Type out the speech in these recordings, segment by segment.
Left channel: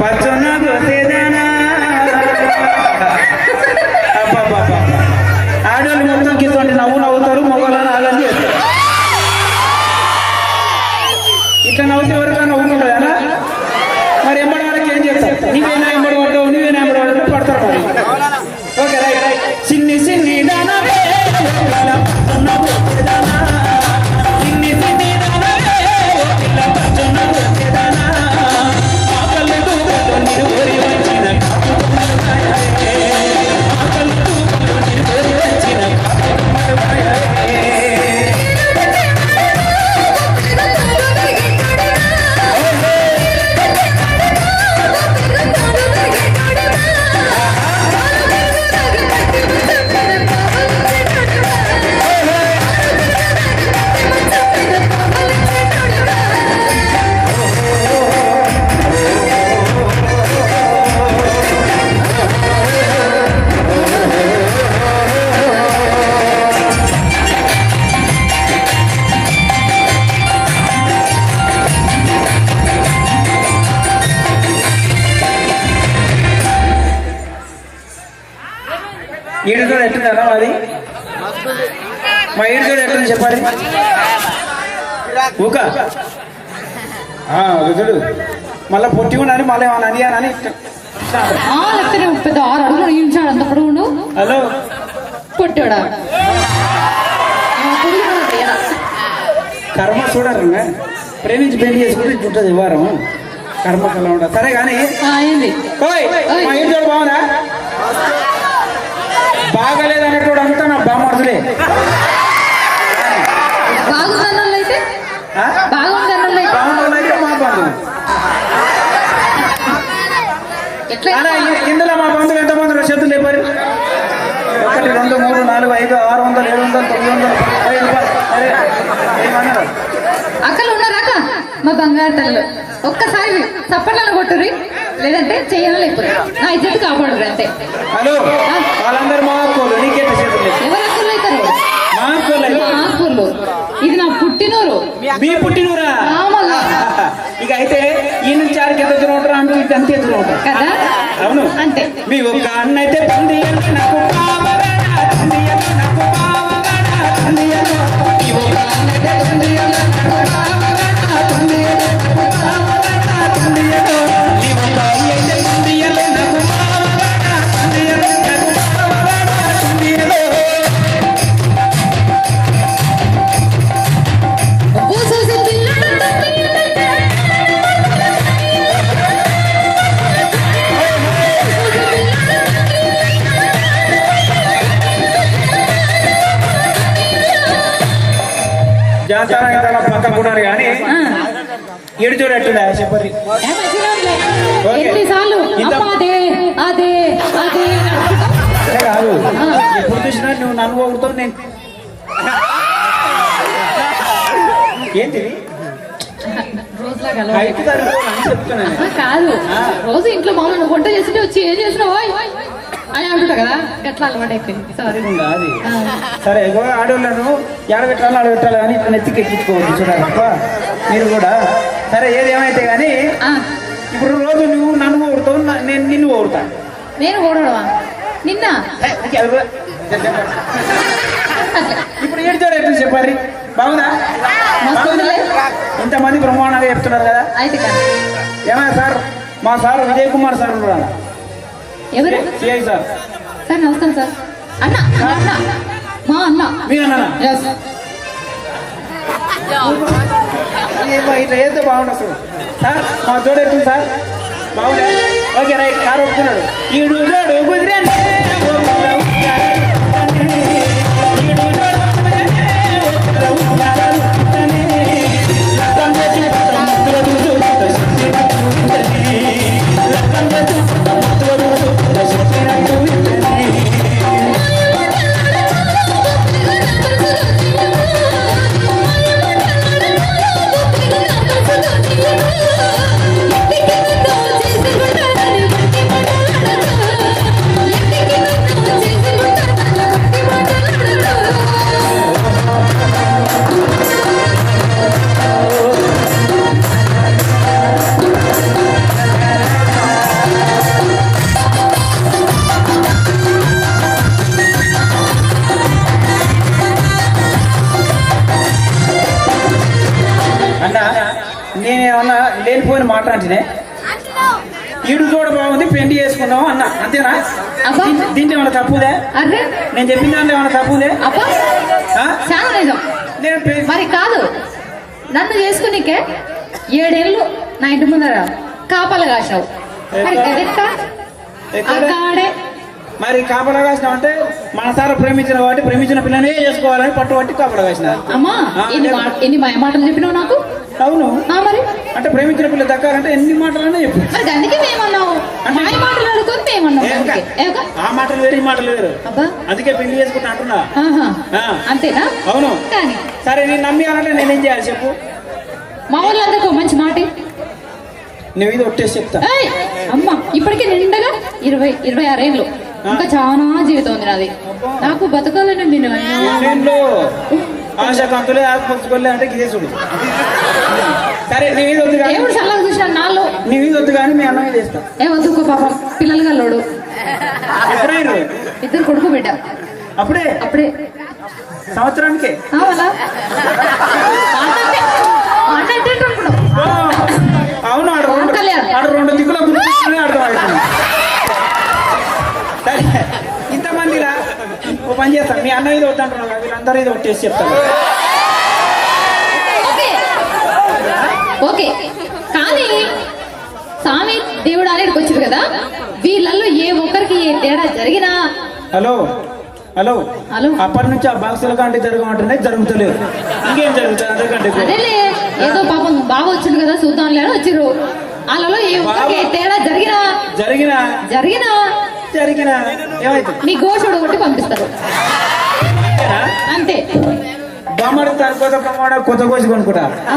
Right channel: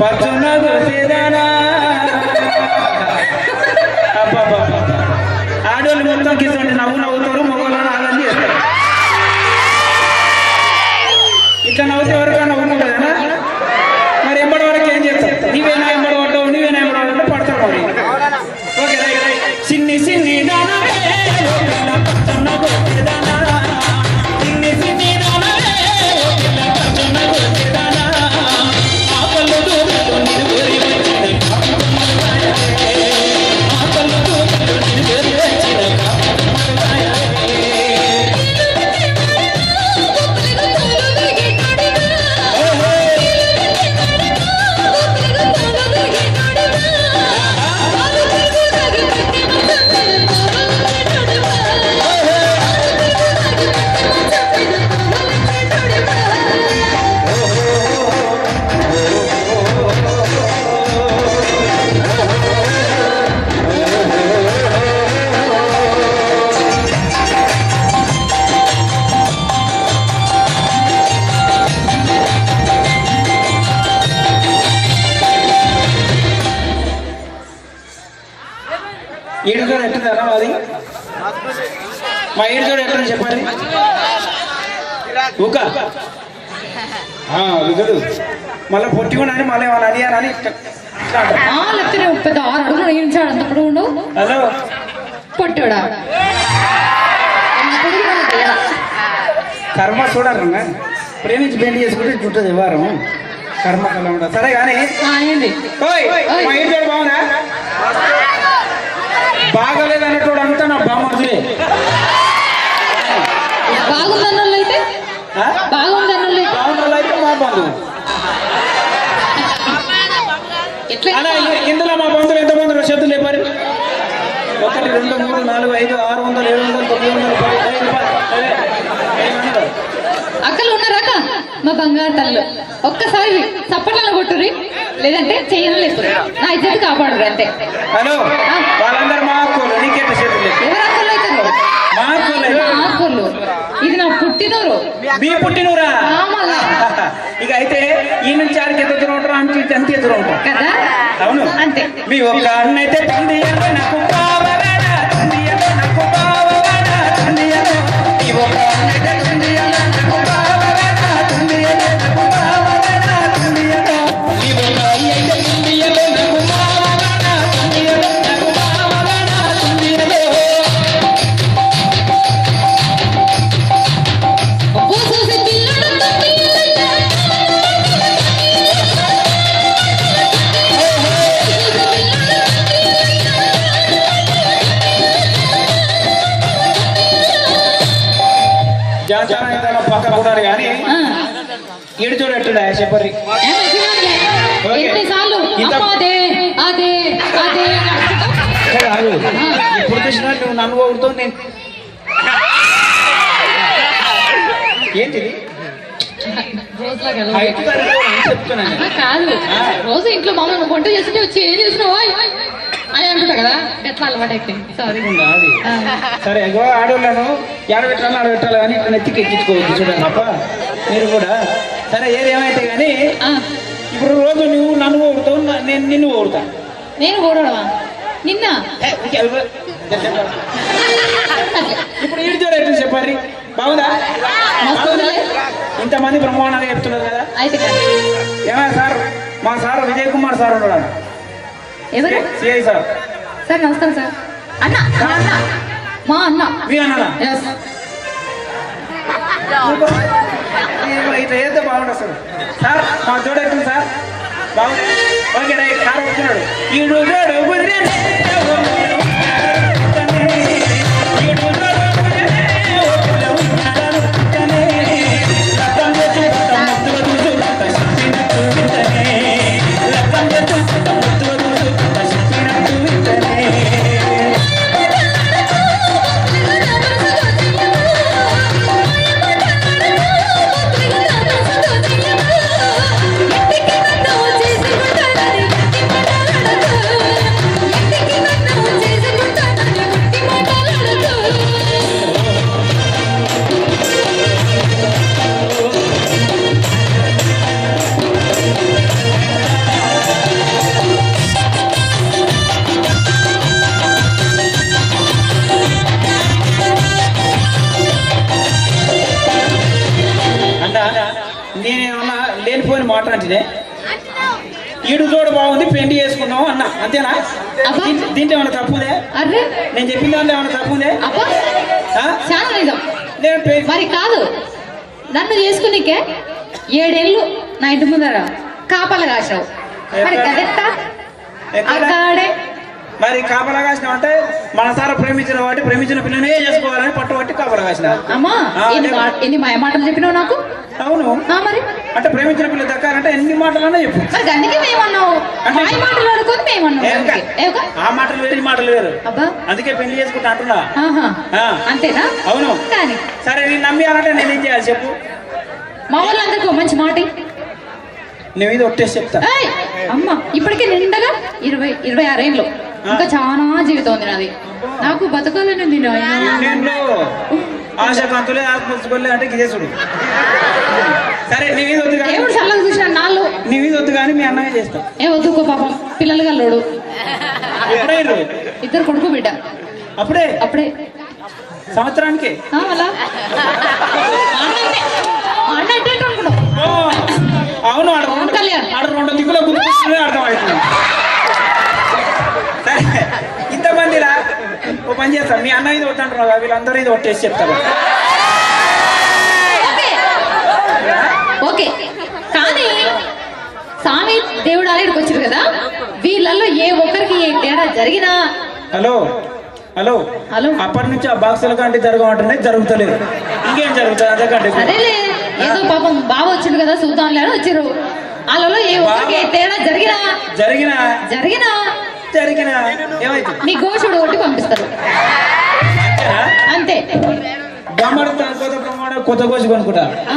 పచ్చన దోసేదానా ఆడవాళ్ళు మొత్తం కింద నవ్వు నవ్వుతారు మొగలను ఆగండి చేస్తారు ఇట్లా నవ్వుతే ఎవరికైనా నవ్వుకుంటుందా మరి ఎంబడి వరకు ఏం చేస్తారు నీవేనా ఎంబడి కొట్టవు నీవేనా ఎంబడి కొట్టు పడతారు మరి ఓకే రైట్ రైట్ సిన్ని సిన్ని దానా ఏడు చూడు ఎట్టుందా అది మా ఏడు చూడు ఎట్టుంది చెప్పాలి ఊక విగుడు మళ్ళీ పొట్టి కూడా అని మళ్ళీ ఏమన్నా అడియానని పెద్ద 6 అడుగులు నిలిచాడు అంత పొడుగుండు హలో పొట్టోడా కర్మ చూడరు ప్రేమించి పెళ్లి చేసుకుంటే చుట్టది ఇవ్వరం కర్మ కల ఉండదు సరే కానీ మా ఏడు చూడు బాగుందా బాగలేదు అన్నట్టు అంతా నా బామర్దులే బాగుందన్నోళ్ళైతే బాగుందన్నోళ్ళైతే మా బంధువులు ఇందులో మా బంధువులు ఎంతమంది చేతులు లేపారు 1 2 3 4 5 600 700 900 అక్కలు ఉన్నారా అక్క మా బంగారు తల్లు ఒక్కసారి చప్పట్లలో కొట్టుర్రి లేదంటే చేయను లేకపోతే నా ఇజ్జత్ కాపాడరు అంతే హలో వాళ్ళందరూ మా అక్కలు నీకేట చేతులు ఎవరు అక్కలు అవుతారు మా అక్కలు ఇది నా పుట్టినూరు మీ పుట్టినూరా ఇక అయితే ఈ నుంచి ఆడికి ఎంత దూరం ఉంటారు ఆమె అంతే దూరం ఉంటారు కదా అవును అంతే మీ ఒక్క అన్న అయితే పంది పక్క కూడా కానీ ఏడు చూడు ఎట్టుందా చెప్పరి ఎప్పుడు చూసినా నువ్వు నన్ను ఊరుతో నేను ఏంటి కాదు రోజు ఇంట్లో మామూలు వంట చేస్తుంటే వచ్చి ఏం చేసినావు అని అంటున్నా కదా గట్లా అలవాటు సారీ సరే ఏదో ఆడవాళ్ళను ఎడబెట్టాలి ఆడబెట్టాలి కానీ నెత్తికి ఎక్కించుకోవచ్చు చూడాలి తప్ప మీరు కూడా సరే ఏదేమైతే కానీ ఇప్పుడు రోజు నువ్వు నన్ను ఊరుతావు నేను నిన్ను ఊరుతా నేను ఓడవా నిన్న ఇప్పుడు ఏడు చూడ ఎట్లా చెప్పారు బాగుందా ఇంతమంది బ్రహ్మాండంగా చెప్తున్నారు కదా ఏమైనా సార్ మా సార్ విజయ్ కుమార్ సార్ ఉన్నాడు ఎవరు సిఐ సార్ సార్ నమస్కారం సార్ అన్న మా అన్న మీ అన్న ఇట్లా చేస్తే బాగుంటుంది అసలు సార్ మా జోడు ఎట్టుంది సార్ బాగుంది ఓకే రైట్ సార్ వస్తున్నాడు ఈ జోడు కుదిరే చేసి నేనేమన్నా లేనిపోయిన మాట అంటేనే ఈడు చూడ బాగుంది పెళ్లి చేసుకున్నావు అన్న అంతేనా? అబ్బా. దీంట్లో ఏమైనా తప్పుదే? అరే నేను చెప్పిన దాంట్లో ఏమైనా తప్పుదే? అబ్బా ఆ? చాలా నిజం. నేను పెళ్లి- మరి కాదు, నన్ను చేసుకునికే 7 ఏళ్ళు నా ఇంటి ముందర కాపలా కాసావు. మరి కదెట్ట ఎక్కడ? అక్కడే మరి కాపలా వేసిన అంటే మనసారా ప్రేమించిన వాటి ప్రేమించిన పిల్లనే చేసుకోవాలని పట్టుబట్టి కాపలా వేసిన. అమ్మా ఎన్ని మాటలు చెప్పినావు నాకు. అవును, మరి అంటే ప్రేమించిన పిల్ల దక్కాలంటే ఎన్ని మాటలన్నా చెప్పు. మరి అందుకే మేమన్నావు, మాయ మాటలు అనుకొని మేమన్నావు. అందుకే ఏగా? ఆ మాటలు వేరు ఈ మాటలు వేరు. అబ్బా అందుకే పెళ్లి చేసుకుంటా అంటున్నా. ఆహా. ఆ. అంతేనా? అవును. కానీ సరే నేను నమ్మి అంటే నేనేం చేయాలి చెప్పు? మా వాళ్ళందరికీ ఒక మంచి మాట. నువ్వు ఇది ఒట్టేసి చెప్తా. ఏయ్, అమ్మ ఇప్పటికే నిండగా 26 ఏళ్ళు. ఇంకా చాలా జీవితం ఉంది నాది. నాకు బతకాలని ఉంది నాయనా. నేను ఆశ కంతులే ఆశపరచుకోలే అంటే గిదేసుడు. సరే నీ మీద వద్దు కానీ దేవుడు చల్లగా చూసిన నాళ్ళు నీ మీద వద్దు కానీ మీ అన్నమే చేస్తా. ఏ వద్దుకో పాపం, పిల్లలు గల్లోడు. ఎప్పుడే ఇద్దరు కొడుకు బిడ్డ. అప్పుడే అప్పుడే సంవత్సరానికి మళ్ళా అన్నట్టే అనుకున్నావు. అవును. ఆడ రెండు దిక్కుల గుర్తునే అర్థమవుతుంది. సరే ఇంతమంది రా, ఓ పని చేస్తాం. మీ అన్న ఇది వద్దంటున్నావు, వీళ్ళందరూ ఇది ఒట్టేసి చెప్తారు. ఓకే ఓకే కానీ స్వామి దేవుడు ఆయనకి వచ్చారు కదా, వీళ్ళల్లో ఏ ఒక్కరికి ఏ తేడా జరిగినా. Hello hello hello. అప్పటి నుంచి ఆ బాక్సుల కంటే జరగమంటున్నాయి, జరుగుతలేదు. ఇంకేం జరుగుతుంది అంతకంటే? అదేలే, ఏదో పాపం బాగా వచ్చింది కదా చూద్దాంలే అని వచ్చిర్రు. వాళ్ళలో ఏ ఒక్కరికి ఏ తేడా జరిగినా జరిగినా జరిగినా జరిగినా ఏమైతుంది? మీ గోషుడు కొట్టి పంపిస్తారు అంతే. బొమ్మడు కొత్త ప్రమాణ కొత్త కోసి కొనుక్కుంటా. ఆ,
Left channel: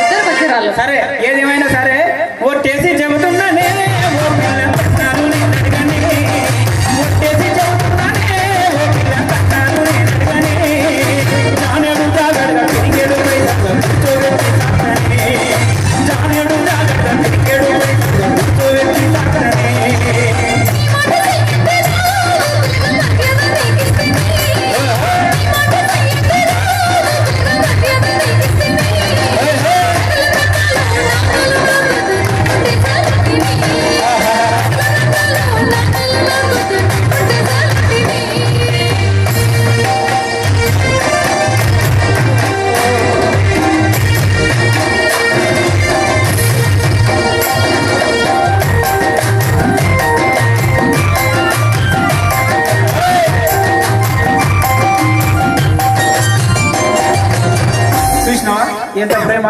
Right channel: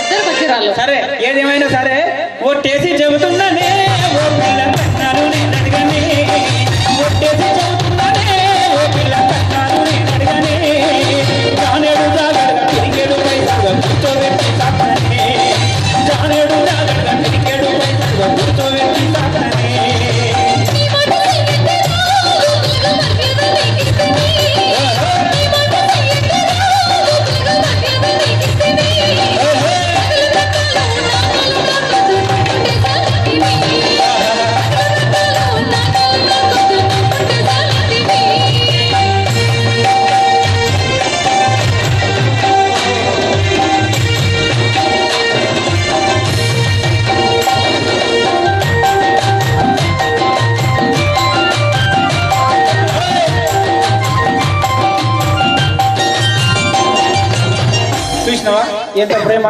ఇద్దరు వచ్చారు వాళ్ళు. సరే ఏదేమైనా సరే ఒట్టేసి చెబుతున్నానే, ఓ పిల్ల కట్టాలు నేను అడగనే. ఒట్టేసి చెబుతున్నానే, ఓ పిల్ల కట్టాలు నేను అడగనే. జానేడు జాగడ తిరిగేడు రైతు కూర్చోబెట్టి తాకనే. జానేడు జాగడ తిరిగేడు రైతు కూర్చోబెట్టి తాకనే. చూసినావా ఎంత ప్రేమ?